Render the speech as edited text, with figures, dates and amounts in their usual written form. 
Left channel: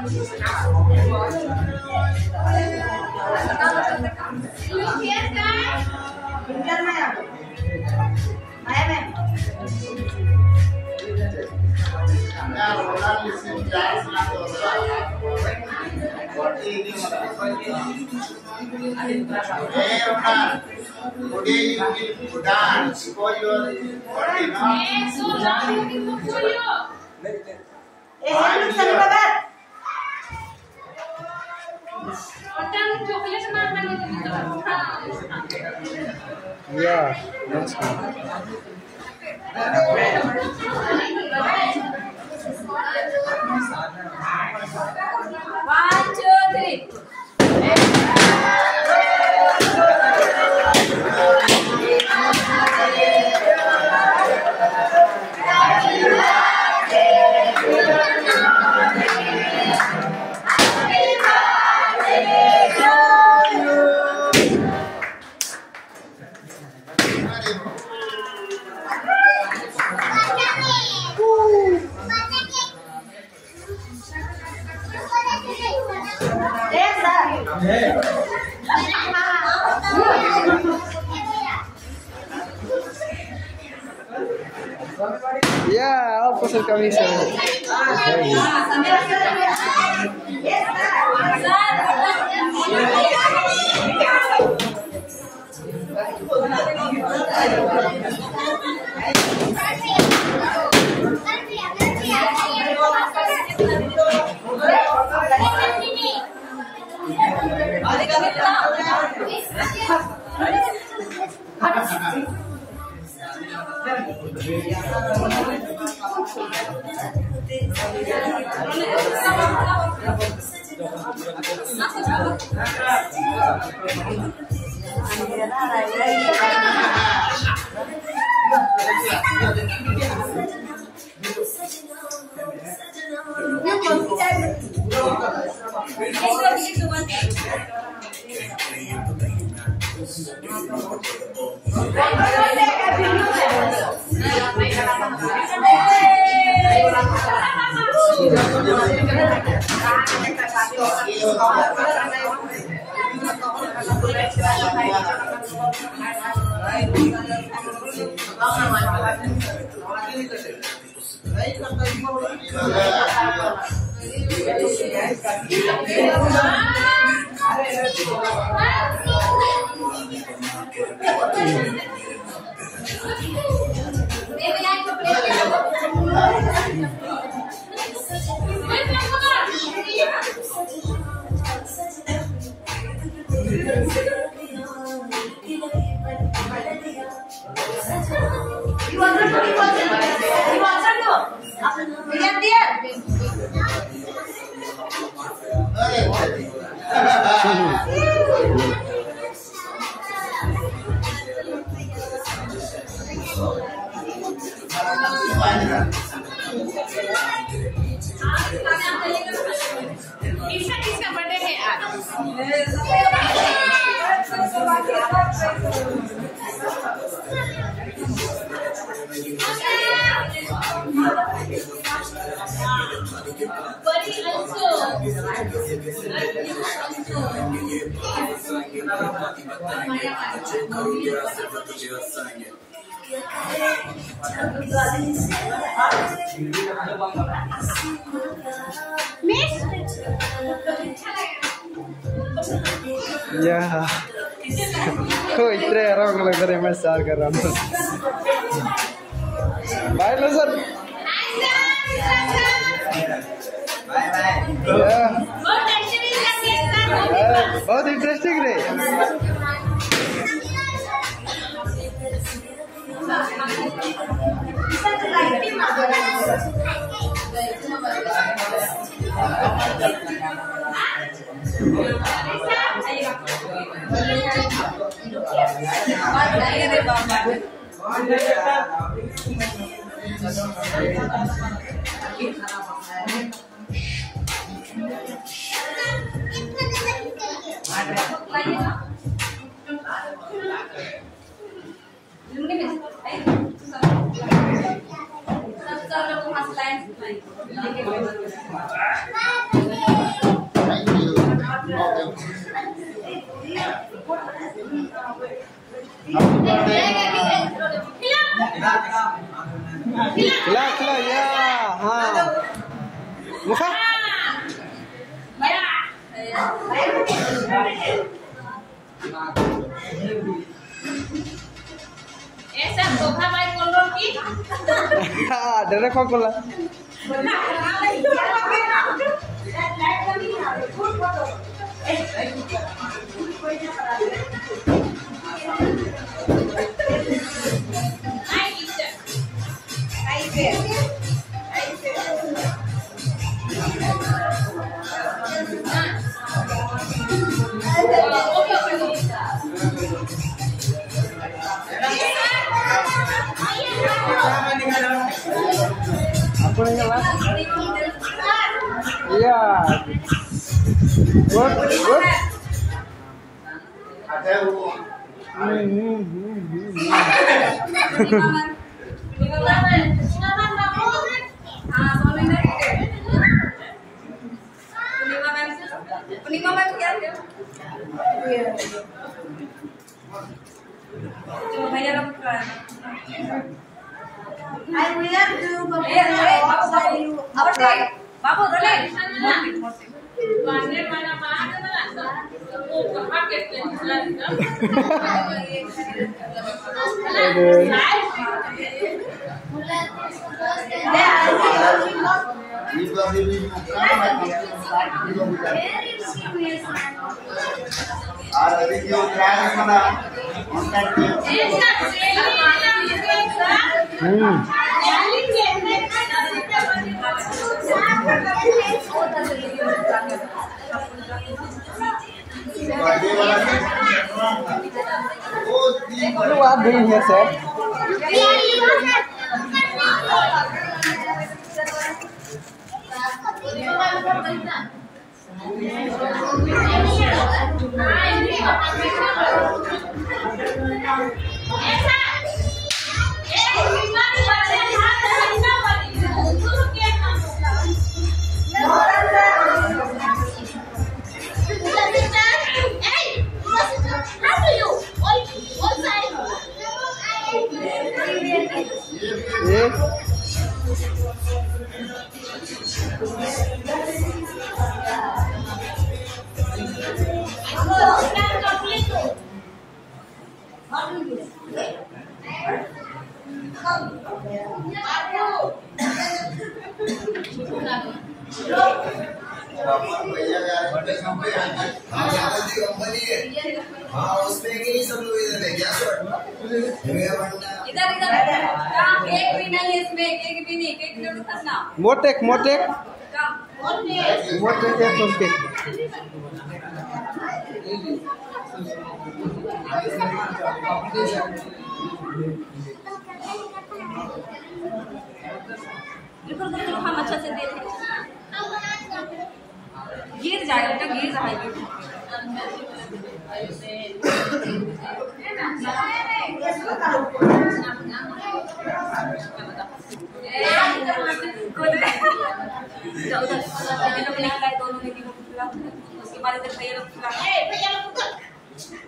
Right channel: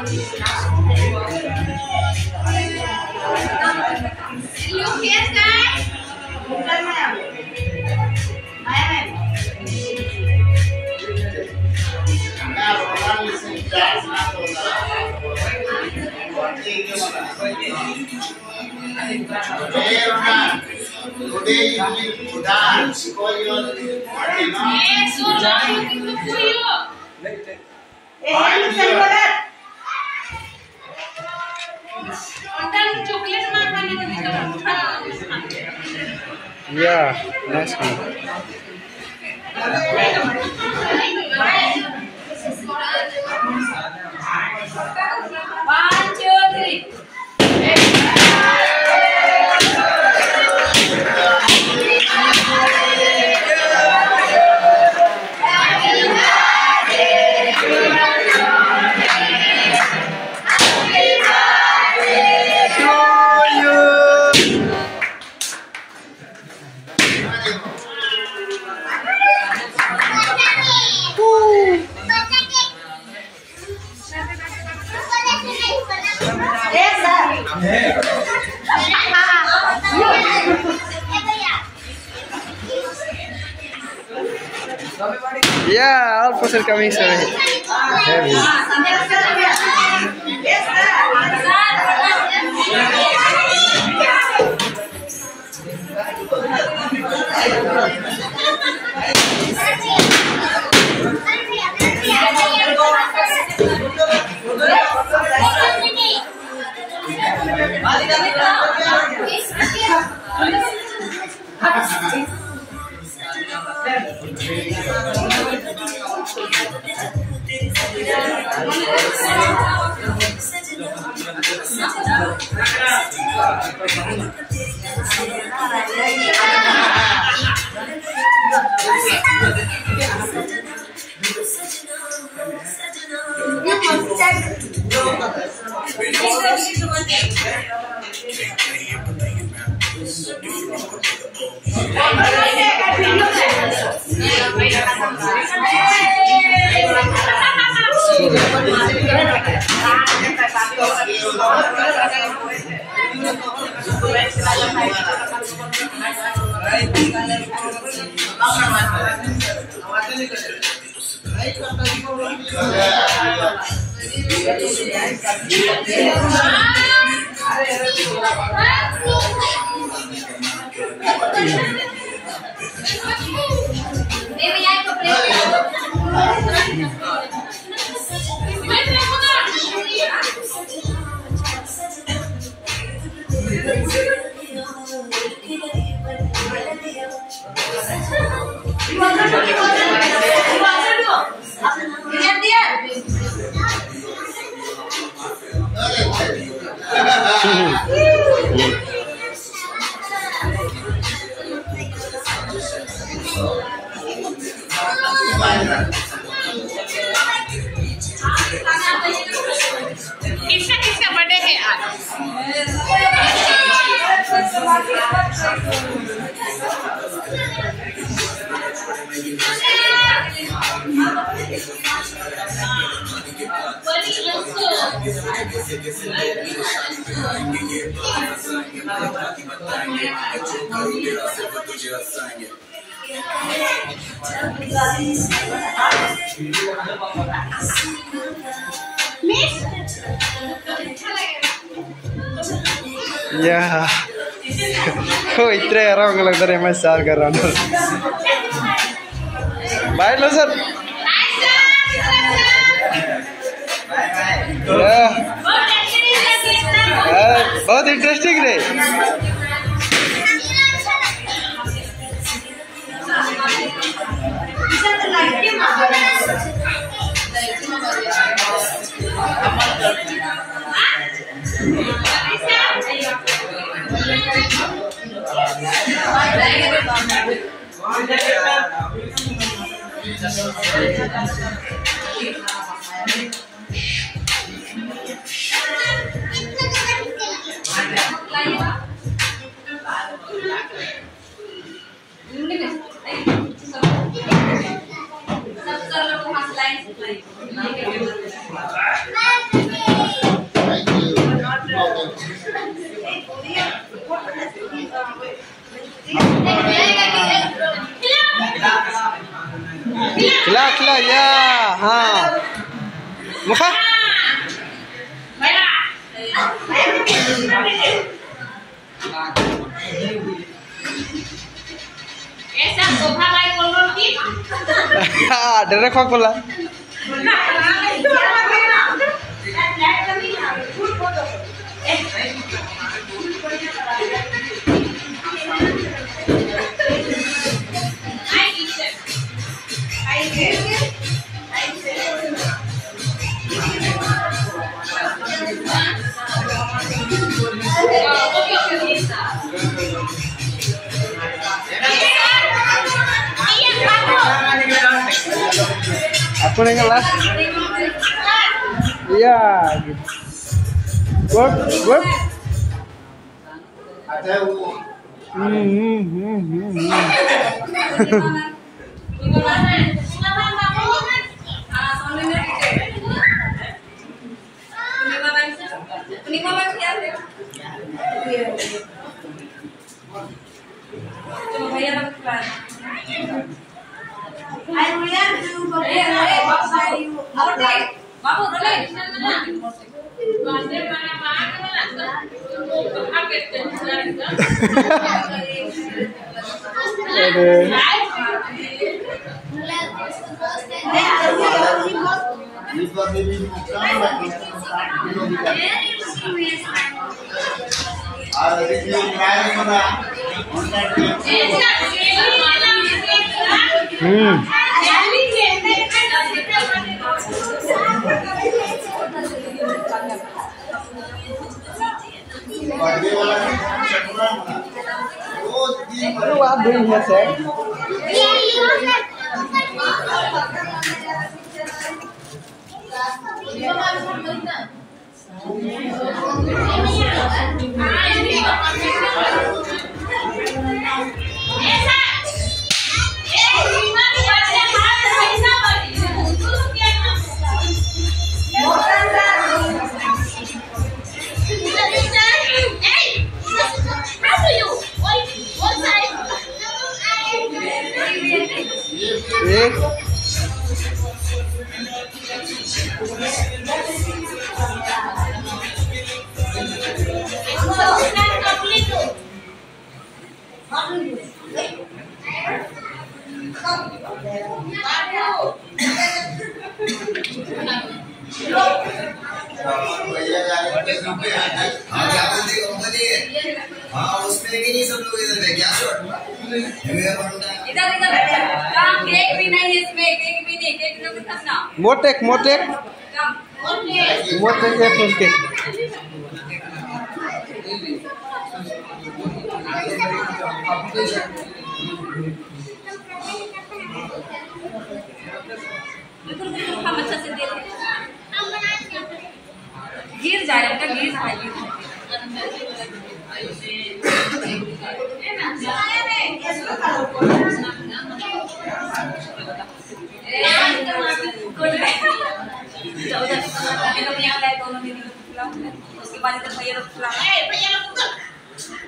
Today you will dance for your party, no? So long looking for you. Chocolate Yeah, nice one. 1, 2, 3. Yeah, all person coming so heavy. किसका birthday है आज? Yeah. Oh, इतने यार लग रहा है मैं सार कर रहा हूँ. Bye लो सर. बहुत इंटरेस्टिंग रे. Lain. खिला खिला या हाँ मुखा ऐसा सोफा मार बोलो की डायरेक्ट कॉल बोला aku nengok lah iya good good ada I will do Babu, rolling. What are you doing here, sir? Cake भी नहीं है इसमें, केक भी नहीं, केक भी खतना। मोटेक मोटेक मोटेक केक बिल्कुल हम अच्छा से दे दें। गिर जाए अब तक गिर जाए उसके बाद भैया लोग